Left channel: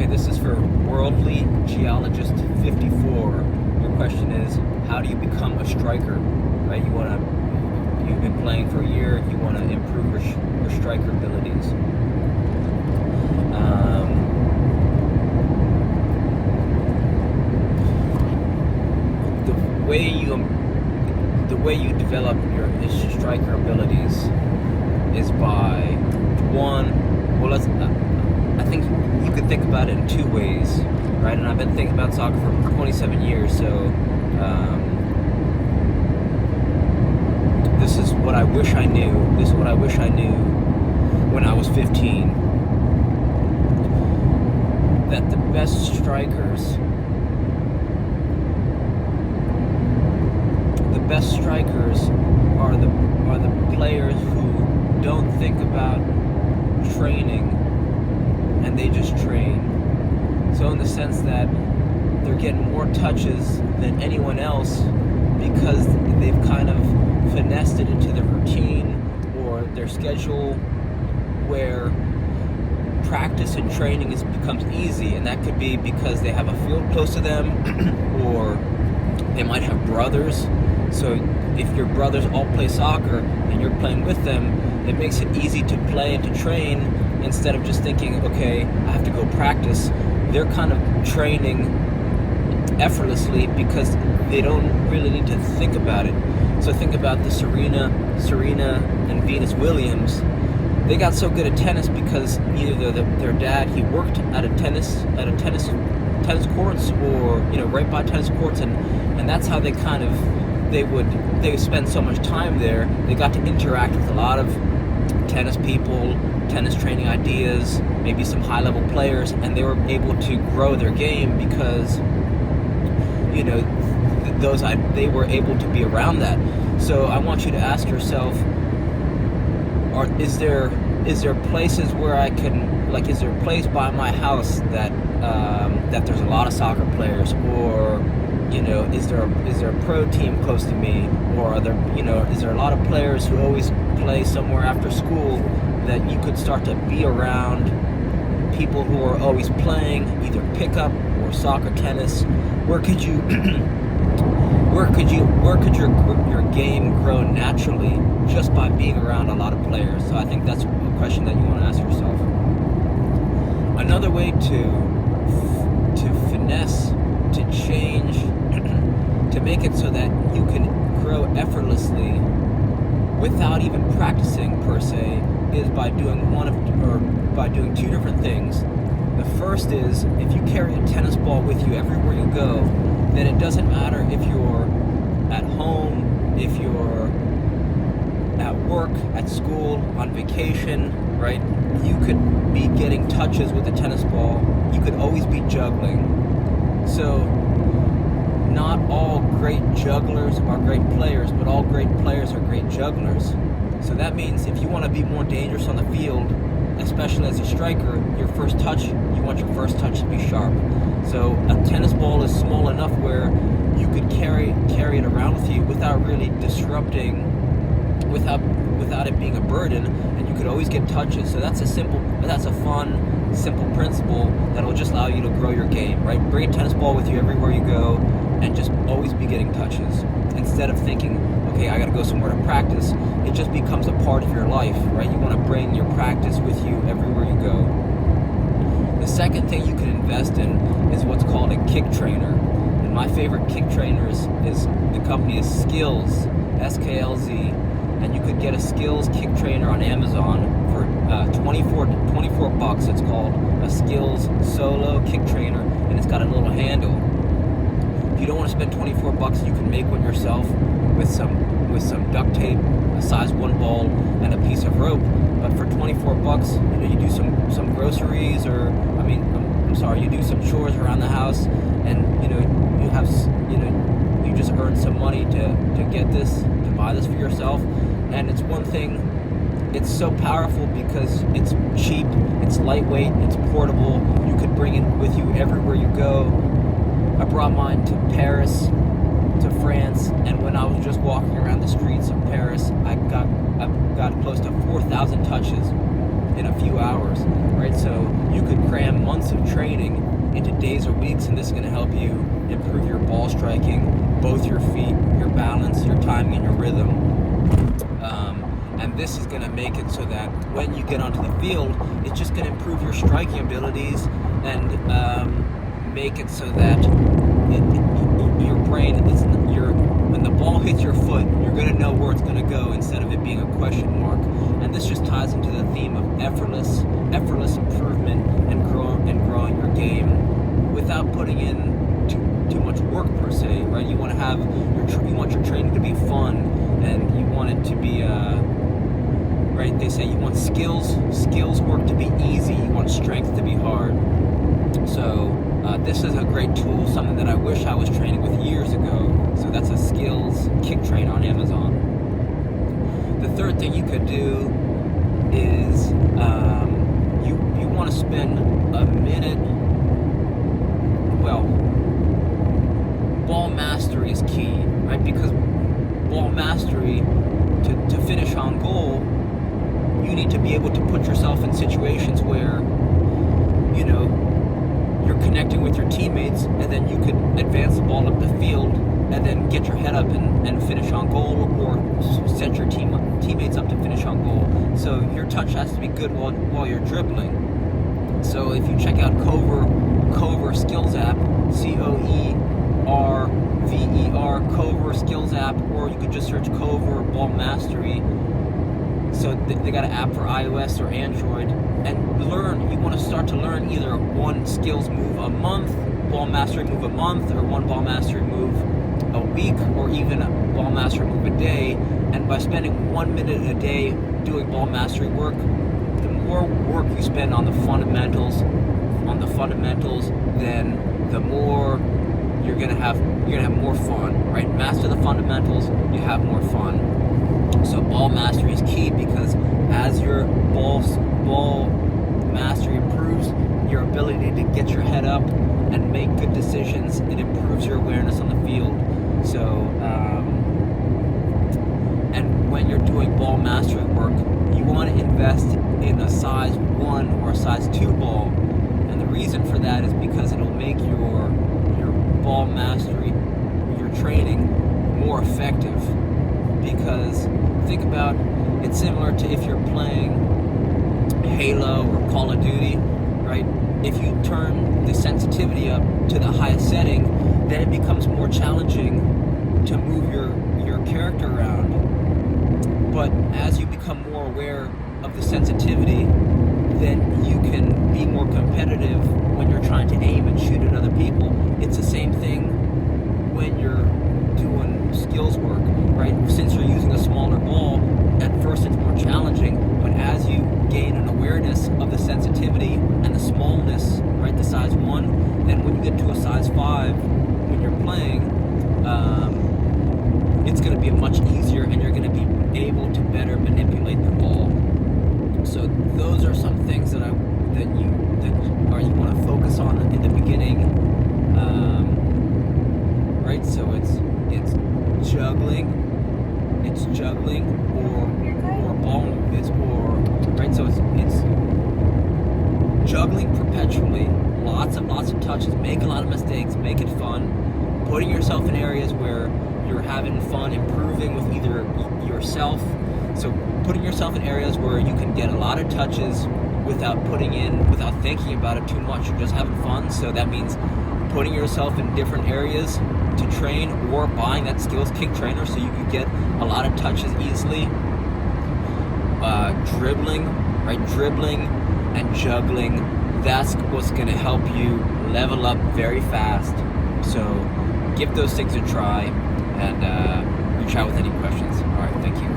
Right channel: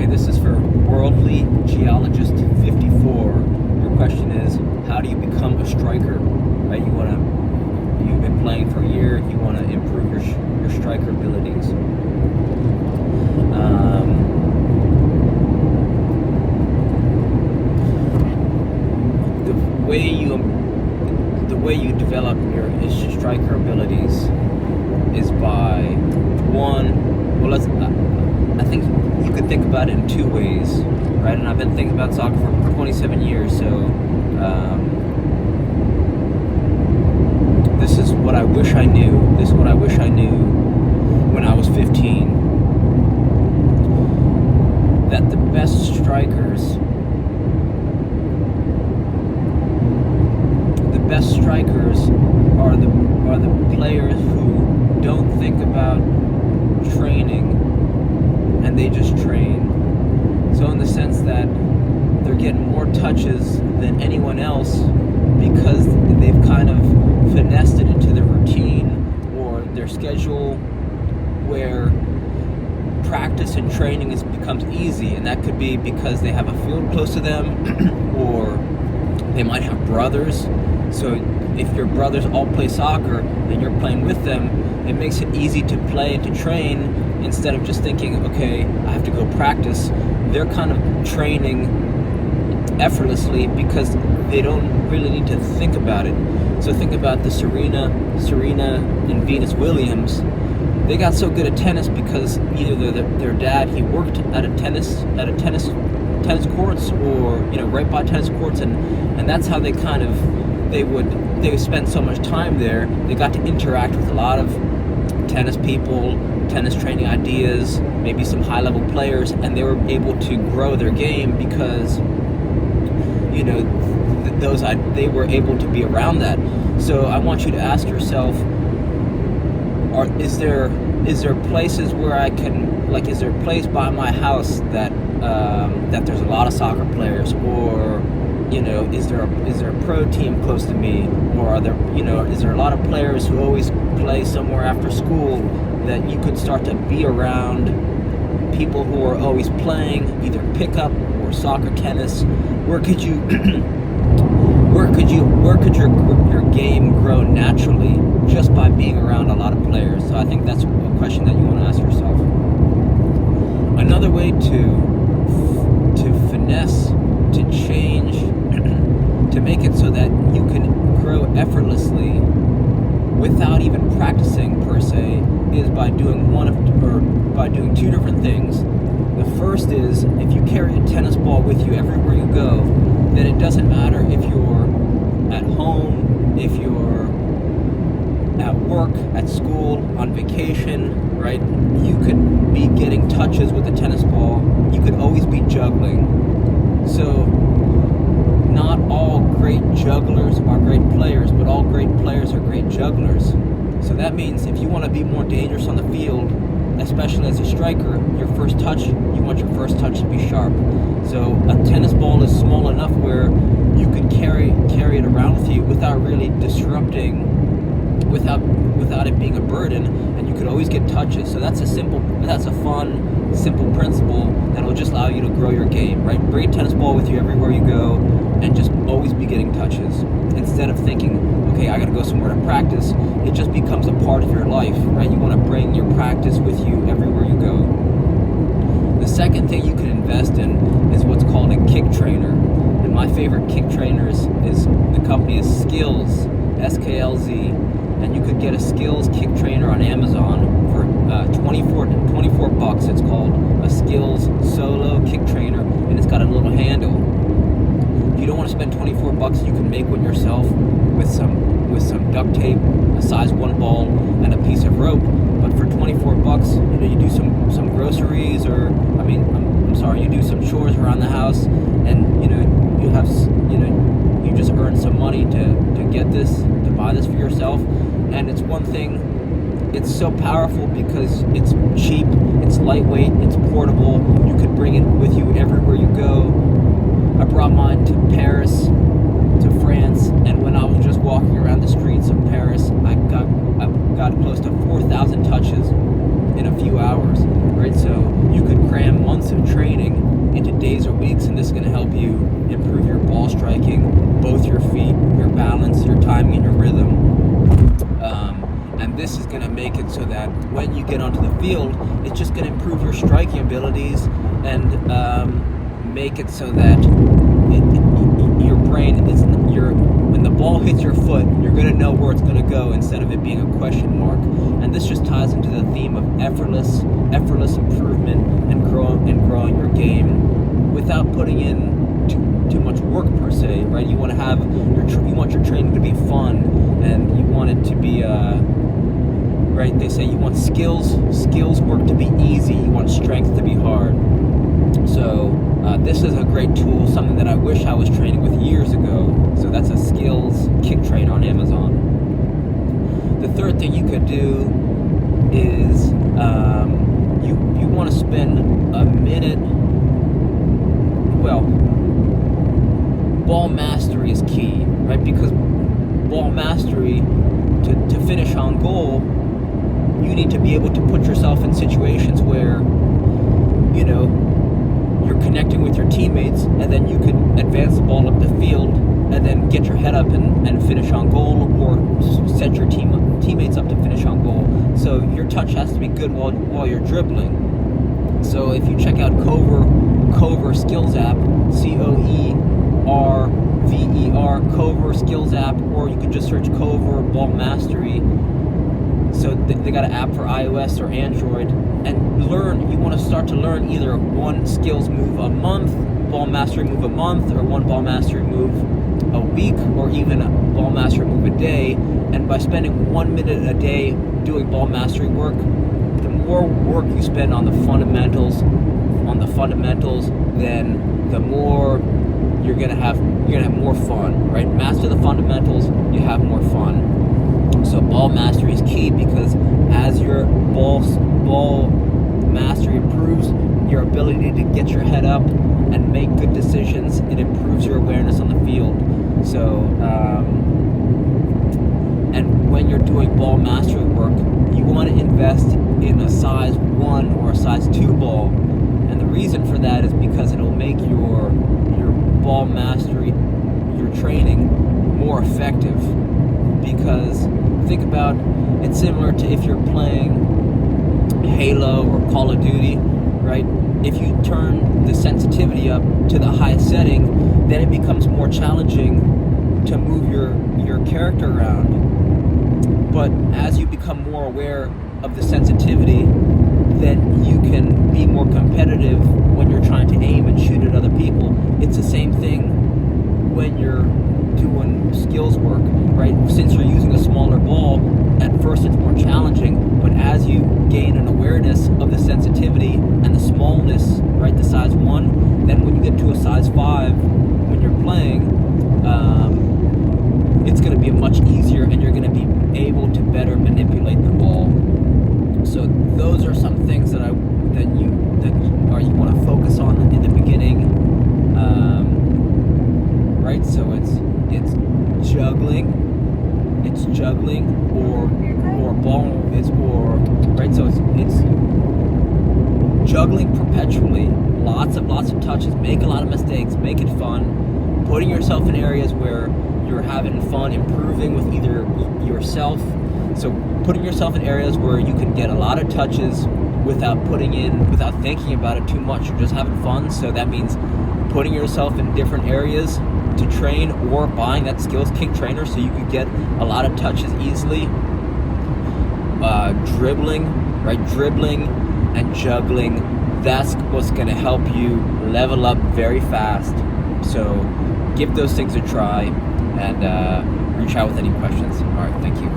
Okay, this is for Worldly Geologist 54. Your question is, how do you become a striker? Right? You've been playing for a year. You want to improve your striker abilities. The way you develop your striker abilities is by I think you could think about it in two ways, right? And I've been thinking about soccer for 27 years, so this is what I wish I knew. This is what I wish I knew when I was 15. That the best strikers are the players who don't think about training and they just train. So in the sense that they're getting more touches than anyone else because they've kind of finessed it into their routine or their schedule where practice and training becomes easy, and that could be because they have a field close to them or they might have brothers. So if your brothers all play soccer and you're playing with them, it makes it easy to play and to train instead of just thinking, okay, I have to go practice. They're kind of training effortlessly because they don't really need to think about it. So think about the Serena and Venus Williams. They got so good at tennis because either their dad, he worked at tennis courts or right by tennis courts, and that's how they kind of they spend so much time there. They got to interact with a lot of tennis people, tennis training ideas, maybe some high-level players, and they were able to grow their game because they were able to be around that. So I want you to ask yourself, is there places where I can, is there a place by my house that there's a lot of soccer players, or is there a pro team close to me, or is there a lot of players who always play somewhere after school that you could start to be around people who are always playing either pickup or soccer, tennis? Where could your game grow naturally just by being around a lot of players? So I think that's a question that you want to ask yourself. Another way to finesse, to change, to make it so that you can grow effortlessly without even practicing per se, is by doing two different things. The first is, if you carry a tennis ball with you everywhere you go, then it doesn't matter if you're at home, if you're at work, at school, on vacation, right? You could be getting touches with the tennis ball. You could always be juggling. So not all great jugglers are great players, but all great players are great jugglers. So that means if you want to be more dangerous on the field, especially as a striker, you want your first touch to be sharp. So a tennis ball is small enough where you could carry it around with you without really disrupting, without it being a burden, and you could always get touches. So that's a fun, simple principle that will just allow you to grow your game, right? Bring a tennis ball with you everywhere you go and just always be getting touches. Instead of thinking, okay, I gotta go somewhere to practice, it just becomes a part of your life, right? You wanna bring your practice with you everywhere you go. The second thing you can invest in is what's called a kick trainer. And my favorite kick trainer is the company is Skills, SKLZ. And you could get a Skills kick trainer on Amazon for $24. It's called a Skills Solo Kick Trainer, and it's got a little handle. If you don't want to spend $24, you can make one yourself with some duct tape, a size 1 ball, and a piece of rope. But for $24, you do some groceries, or you do some chores around the house, and you just earn some money to buy this for yourself. And it's one thing, it's so powerful because it's cheap, it's lightweight, it's portable. You could bring it with you everywhere you go. I brought mine to Paris, to France, and when I was just walking around the streets of Paris, I got close to 4,000 touches. in a few hours, right? So you could cram months of training into days or weeks, and this is going to help you improve your ball striking, both your feet, your balance, your timing, and your rhythm. And this is going to make it so that when you get onto the field, it's just going to improve your striking abilities and make it so that your brain is when the ball hits your foot, you're going to know where it's going to go instead of it being a question mark. And this just ties into the theme of effortless improvement and growing your game without putting in too much work per se, right? You want to have you want your training to be fun, and you want it to be right? They say you want skills work to be easy. You want strength to be hard. So this is a great tool, something that I wish I was training with years ago. So that's a skills kick train on Amazon. The third thing you could do is you want to spend a minute. Well, ball mastery is key, right? Because ball mastery, to finish on goal, you need to be able to put yourself in situations where, you know, you're connecting with your teammates, and then you can advance the ball up the field and then get your head up and finish on goal, or set your teammates up to finish on goal. So your touch has to be good while you're dribbling. So if you check out Cover Skills app, COERVER, Cover Skills app, or you could just search Cover Ball Mastery. So they got an app for iOS or Android, and you want to start to learn either one skills move a month, ball mastery move a month, or one ball mastery move a week, or even a ball mastery move a day. And by spending 1 minute a day doing ball mastery work, the more work you spend on the fundamentals, then the more you're gonna have more fun, right? Master the fundamentals, you have more fun. So ball mastery is key, because as your ball mastery improves, your ability to get your head up and make good decisions, it improves your awareness on the field. So, and when you're doing ball mastery work, you want to invest in a size 1 or a size 2 ball. And the reason for that is because it'll make your ball mastery, your training, more effective. Because think about, it's similar to if you're playing Halo or Call of Duty, right? If you turn the sensitivity up to the highest setting, then it becomes more challenging to move your character around. But as you become more aware of the sensitivity, then you can be more competitive when you're trying to aim and shoot at other people. It's the same thing when you're doing skills work, right? Since you're using a smaller ball, at first it's more challenging, but as you gain an awareness of the sensitivity and the smallness, right, the size 1, then when you get to a size 5, when you're playing, it's going to be much easier, and you're going to be able to better manipulate the ball. So those are some things that you want to focus on in the beginning. Right, so it's juggling or ball, right. So it's juggling perpetually, lots of touches, make a lot of mistakes, make it fun, putting yourself in areas where you're having fun, improving with either yourself. So putting yourself in areas where you can get a lot of touches without thinking about it too much. You're just having fun. So that means putting yourself in different areas to train, or buying that skills kick trainer so you can get a lot of touches easily. Dribbling and juggling, that's what's going to help you level up very fast. So give those things a try, and reach out with any questions. All right, thank you.